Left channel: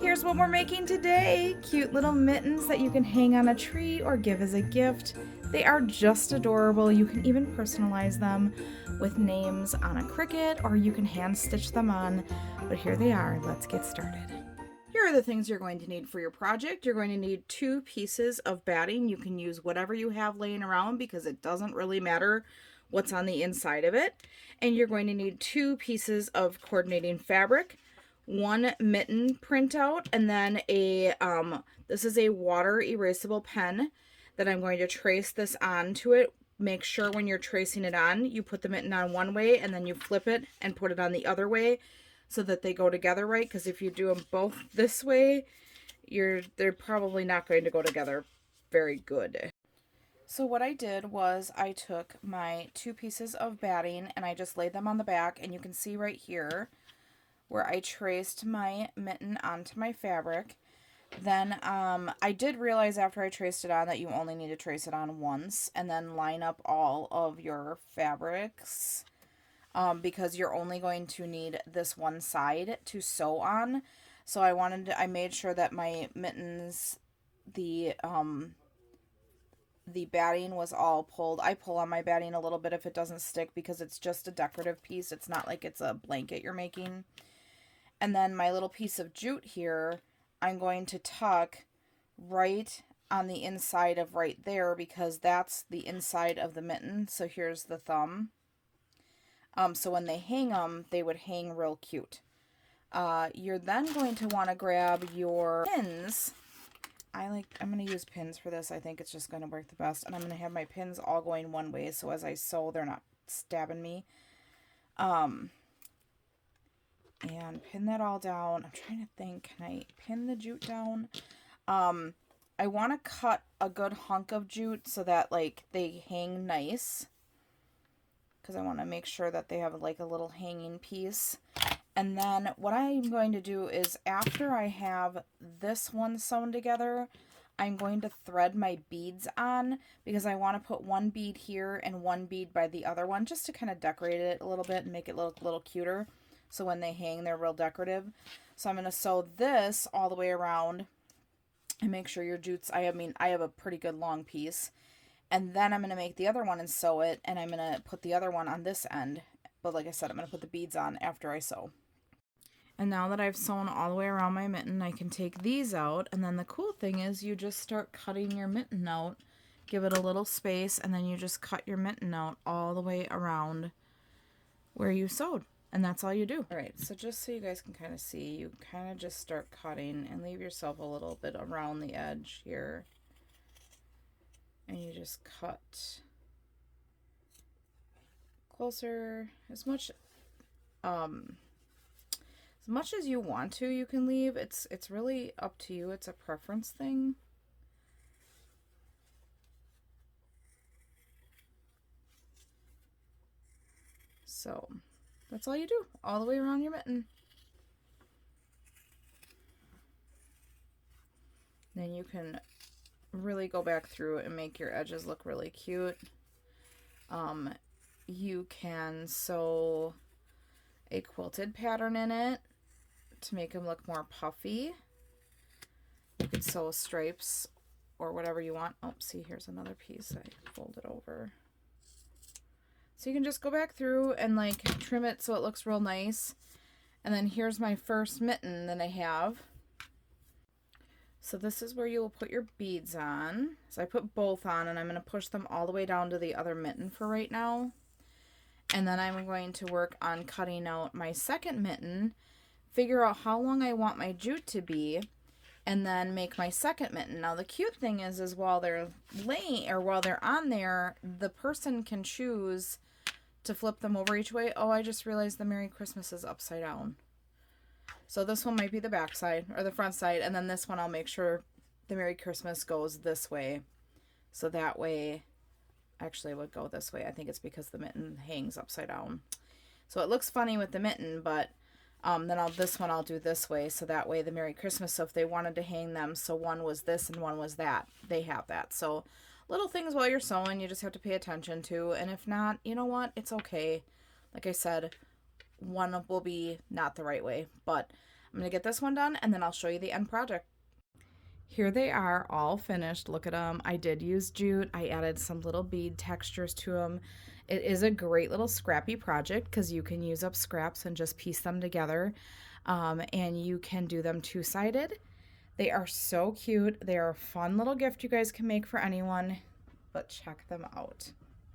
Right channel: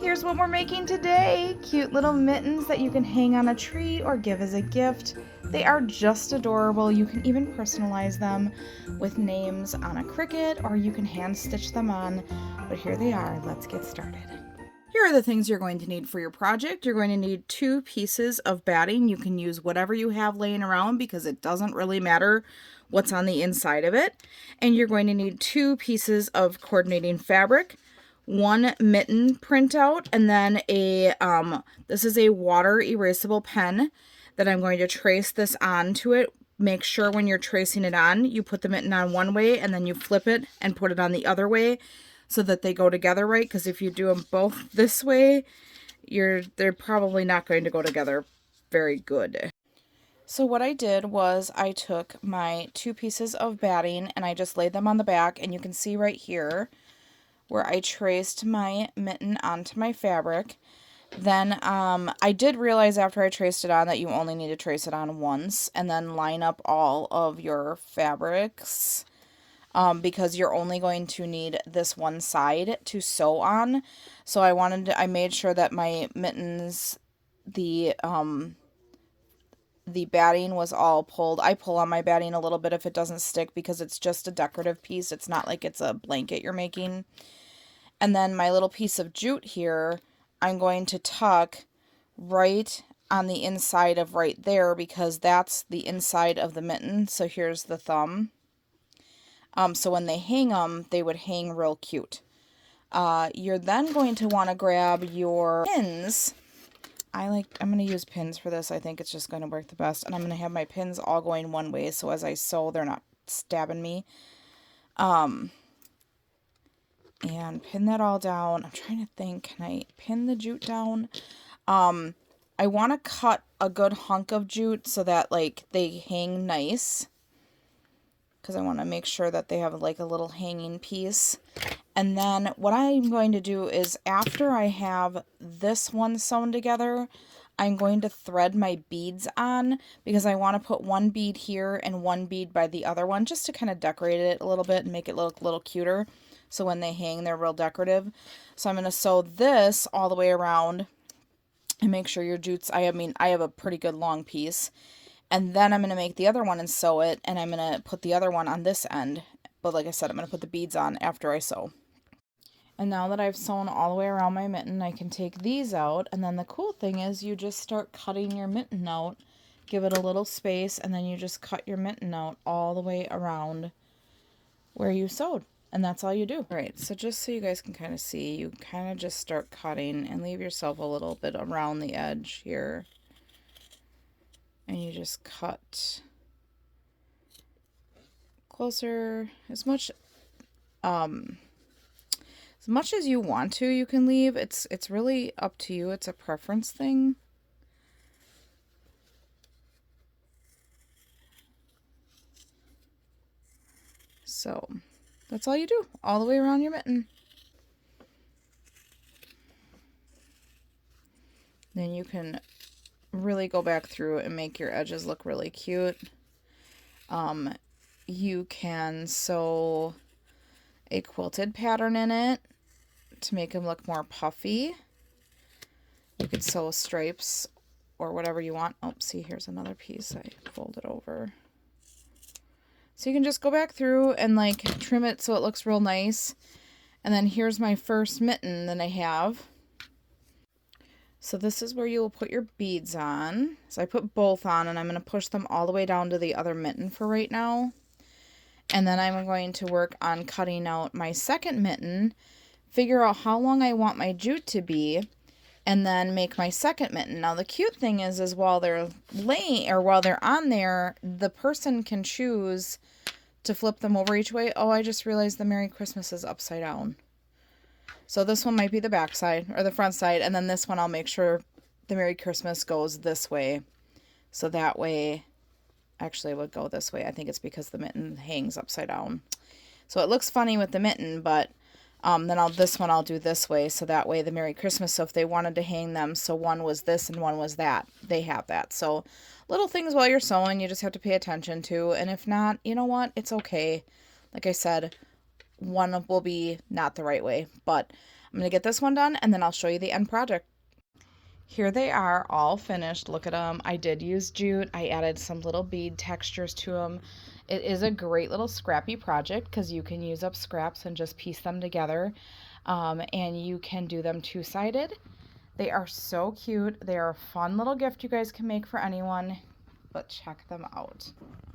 Here's what we're making today. Cute little mittens that you can hang on a tree or give as a gift. They are just adorable. You can even personalize them with names on a Cricut, or you can hand stitch them on. But here they are. Let's get started. Here are the things you're going to need for your project. You're going to need 2 pieces of batting. You can use whatever you have laying around because it doesn't really matter what's on the inside of it. And you're going to need 2 pieces of coordinating fabric, 1 mitten printout, and then this is a water erasable pen that I'm going to trace this onto it. Make sure when you're tracing it on, you put the mitten on one way and then you flip it and put it on the other way so that they go together right, because if you do them both this way, they're probably not going to go together very good. So what I did was I took my 2 pieces of batting and I just laid them on the back, and you can see right here where I traced my mitten onto my fabric. Then I did realize after I traced it on that you only need to trace it on once and then line up all of your fabrics because you're only going to need this one side to sew on. So I made sure that my mittens, the batting was all pulled. I pull on my batting a little bit if it doesn't stick because it's just a decorative piece. It's not like it's a blanket you're making. And then my little piece of jute here, I'm going to tuck right on the inside of right there because that's the inside of the mitten. So here's the thumb. So when they hang them, they would hang real cute. You're then going to want to grab your pins. I'm going to use pins for this. I think it's just going to work the best. And I'm going to have my pins all going one way, so as I sew, they're not stabbing me. And pin that all down. I'm trying to think, can I pin the jute down? I want to cut a good hunk of jute so that like they hang nice, because I want to make sure that they have like a little hanging piece. And then what I'm going to do is after I have this one sewn together, I'm going to thread my beads on because I want to put one bead here and one bead by the other one just to kind of decorate it a little bit and make it look a little cuter. So when they hang, they're real decorative. So I'm going to sew this all the way around and make sure your jute's, I have a pretty good long piece. And then I'm going to make the other one and sew it, and I'm going to put the other one on this end. But like I said, I'm going to put the beads on after I sew. And now that I've sewn all the way around my mitten, I can take these out. And then the cool thing is you just start cutting your mitten out. Give it a little space, and then you just cut your mitten out all the way around where you sewed. And that's all you do. All right, so just so you guys can kind of see, you kind of just start cutting and leave yourself a little bit around the edge here. And you just cut closer as much as you want to. You can leave. It's really up to you. It's a preference thing. So that's all you do, all the way around your mitten. Then you can really go back through and make your edges look really cute. You can sew a quilted pattern in it to make them look more puffy. You could sew stripes or whatever you want. Oh, see, here's another piece I folded over. So you can just go back through and like trim it so it looks real nice. And then here's my first mitten that I have. So this is where you will put your beads on. So I put both on, and I'm going to push them all the way down to the other mitten for right now. And then I'm going to work on cutting out my second mitten, figure out how long I want my jute to be, and then make my second mitten. Now the cute thing is while they're while they're on there, the person can choose to flip them over each way. Oh, I just realized the Merry Christmas is upside down. So this one might be the back side or the front side, and then this one I'll make sure the Merry Christmas goes this way. So that way, actually it would go this way. I think it's because the mitten hangs upside down. So it looks funny with the mitten, but then this one I'll do this way, so that way the Merry Christmas, so if they wanted to hang them, so one was this and one was that, they have that. So little things while you're sewing, you just have to pay attention to, and if not, you know what, it's okay. Like I said, one will be not the right way, but I'm going to get this one done and then I'll show you the end project. Here they are all finished. Look at them. I did use jute. I added some little bead textures to them. It is a great little scrappy project because you can use up scraps and just piece them together. And you can do them two-sided. They are so cute. They are a fun little gift you guys can make for anyone, but check them out.